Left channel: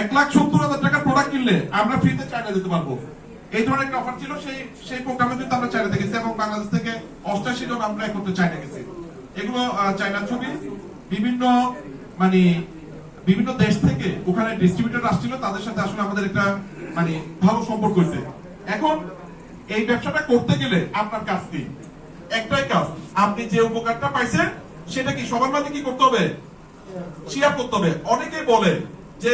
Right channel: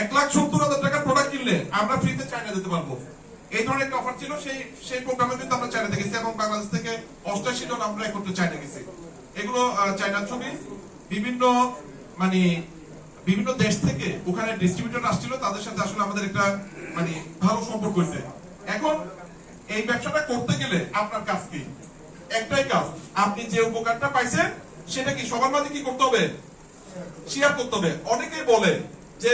এক লাখ সত্তর হাজার টাকার প্রোডাক্ট কিনলে আমরা ফ্রিতে চায়না যেতে পারব। এই ধরনের একটা অফার ছিল, সেই সেই প্রোগ্রামে কিন্তু আমরা চায়নাতে গেছি এবং বাংলাদেশ থেকে অষ্টাশি জন আমরা করতে চায়না গেছি। এগুলো চায়নার ছবি, বিভিন্ন মানে বিভিন্ন দেশ থেকে ওখানে ডিস্ট্রিবিউটর আসছিল, তাদের সাথে আসলে আমাদের একটা মানে ভালো সম্পর্ক হয়েছে। এখন এই ব্যবসাটা করতে গেলে আপনার কাজ কি? একটাই কাজ, আপনি যে উপকারটা পাইছেন, সেটা কি সবার মাঝে কি করতে হবে? শেয়ার করতে হবে। অনেকে বলে যে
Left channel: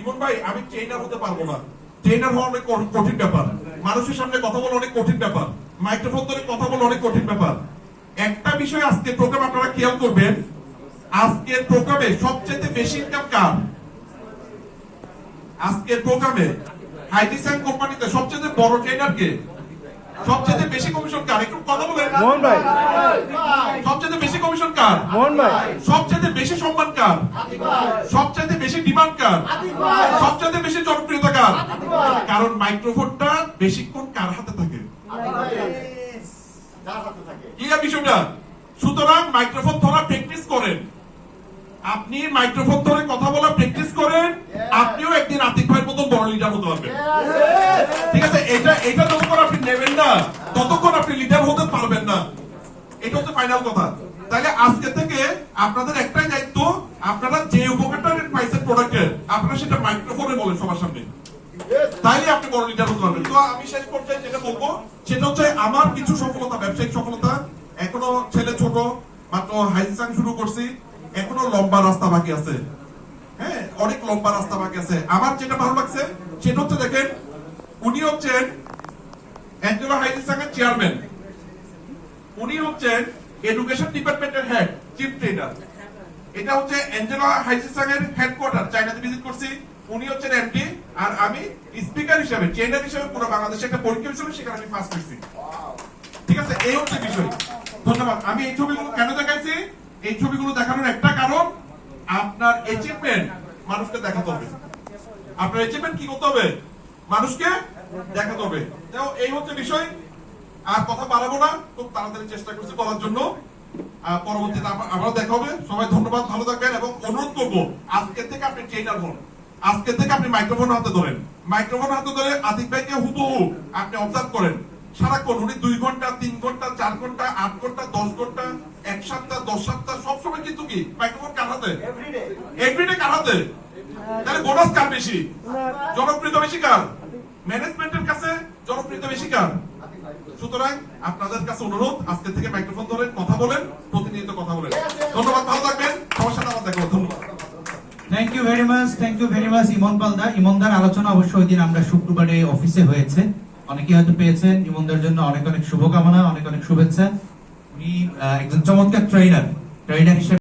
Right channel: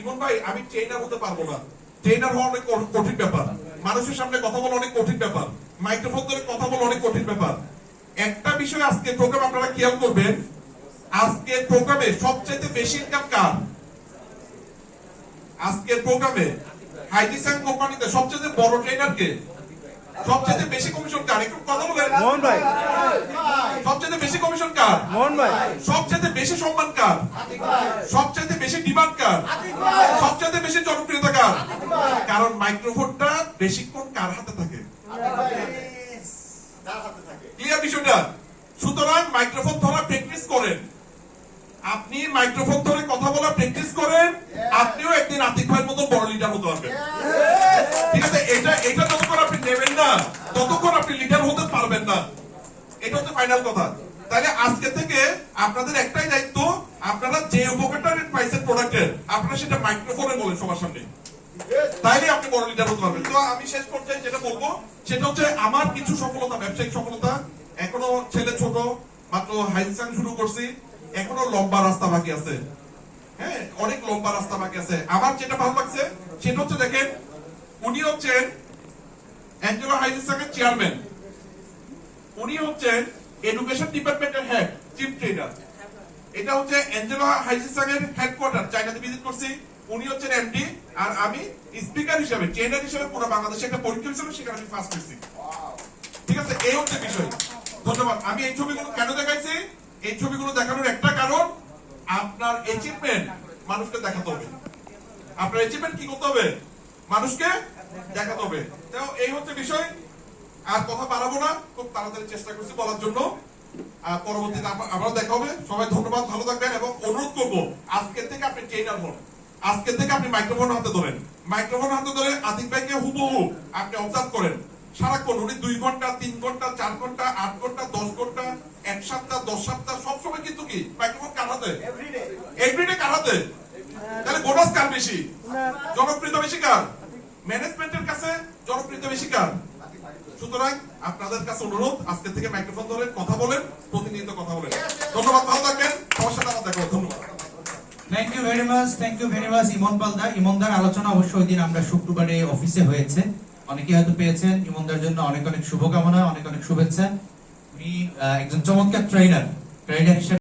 ইমন ভাই আমি ট্রেনার হতে পারব না। ট্রেনার হওয়া অনেক কঠিন ব্যাপার। মানুষের সামনে কথা বলা অনেক কঠিন ব্যাপার। মাইক্রোফোন ধরে কথা বলা অনেক কঠিন ব্যাপার। একটা বিষয় আজকে প্রোগ্রাম আপনারা খেয়াল করবেন। আজকের প্রোগ্রামে সবচেয়ে বেশি ইনকাম কার? আজকের প্রোগ্রামে হাইটিসেন কোম্পানিতে সবচেয়ে বড় ট্রেনার কে? সবচেয়ে বেশি কমিশন কার? একটু কথা বলেন। মোহন ভাই। সবচেয়ে বেশি কমিশন কার? মোহন ভাই। সবচেয়ে বেশি সম্মান কার? সবচেয়ে সবচেয়ে বেশি জনপ্রিয়তা কার? কারণ মাইক্রোফোনটা বেশিক্ষণ কার হাতে থাকে? ক্লিয়ার বিষয়টা? সুতরাং মাইক্রোফোন ধরা প্র্যাকটিস করেন। আপনি মাইক্রোফোন ধরে কথা বলা প্র্যাকটিস করেন আপনিও একদিন আতিক ভাইয়ের মতো বড় লিডার হতে পারবেন। ঠিক আছে এটা এটা যতক্ষণ আপনি নেবেন না ততক্ষণ আপনি লিডার হতে পারবেন না। এটা হচ্ছে ফাইনাল কথা। তাহলে আজকে থেকে আপনাদের একটাই দায়িত্ব, আপনারা যে উপকারটা পাইছেন প্রোডাক্টের আপনারা সেটা মাইক্রোফোনে বলেন সবার সামনে। তাইলে আপনি বড় লিডার হতে পারবেন। তো আমি শেষ পর্যায়ে যেটা বলব সেটা হচ্ছে আমার কিছু সফলতা, ব্যবসায়িক সফলতা। এখনও ছেলে ছোট, মাত্র হাইসাং শুরু করছি। এখনও লম্বা রাস্তা বাকি আছে। হ্যাঁ অনেক লম্বা রাস্তা বাকি আছে। আমার যেটা ভালো লাগছে, সেটা হচ্ছে দেখেন, উনি হচ্ছেন অ্যাঞ্জেলো হাইসাংয়ের চেয়ারম্যান উনি হচ্ছেন এডুকেশন ডিপার্টমেন্টের হেড চিফ ট্রেনার এটা হচ্ছে অ্যাঞ্জেলো হাইজিসাং এর হেডকোয়ার্টার চায়নাতে ভিজিট করছি। উনি হচ্ছেন এমডি আর আমি স্পিকার হিসেবে ট্রেনার হিসেবে পুরো বাংলাদেশে একটা পরীক্ষা হিসেবে সেখানে আমি ফার্স্ট হয়েছি ঠিক আছে? এই হচ্ছে বিষয়। ধন্যবাদ। আমি এই ছবিগুলো কেন দেখাইছি? এই ছবিগুলো দেখানোর একটা কারণ, আপনার অ্যাচিভমেন্ট মানুষকে দেখাতে হবে। আপনার অ্যাচিভমেন্ট কি করতে হবে? মানুষকে দেখাতে হবে। তো এই হচ্ছে বিষয়। আর কথা বাড়াবো না। খুব তাড়াতাড়ি চেষ্টা করছি বলার জন্য। পরবর্তীতে আবার- আবারও দেখা হবে। সবাই ধন্যবাদ ভালো থাকবেন এবং অনুরোধ করব আজকে থেকে আপনি ট্রেনার হন। আজকে থেকে আপনি মাইক্রোফোন হাতে ধরেন। মাইক্রোফোন হাতে ধরে আতিক ভাইকে হুবহু আপনি অবজার্ভ করেন। সারাক্ষণ উনি দুই ঘণ্টা তিন ঘণ্টা চার ঘণ্টা আট ঘণ্টা দশ ঘণ্টা এক সপ্তাহ দশ সপ্তাহ সবসময় কিন্তু কি মাইক্রোফোন কার হাতে? এভরিডে কার হাতে? তাহলে বোনাস কার বেশি? জনপ্রিয়তা বেশি কার? ম্যানেজমেন্টের কাছে জনপ্রিয়তা বেশি কার? সুতরাং আপনাদের কাছে অনুরোধ, আজকে থেকে মাইক্রোফোন ধরে কথা বলেন, প্রতিনিয়ত কথা বলেন। ধন্যবাদ, ভালো থাকবেন। সাথে আমার দেখা ধন্যবাদ। Thank you very much thank you very much Emon পালদা ইমনদার আলোচনা অবশ্যই ওই দিন আমরা শুক্রবারে অফিসে হয়েছে। অনেকে হয়তো পেয়েছেন, ইমনদার জন্য অনেক অনেক শুভকামনা, অনেক অনেক শুভেচ্ছা। উনি একজন চমৎকার ট্রেনার ট্রেনার হিসেবে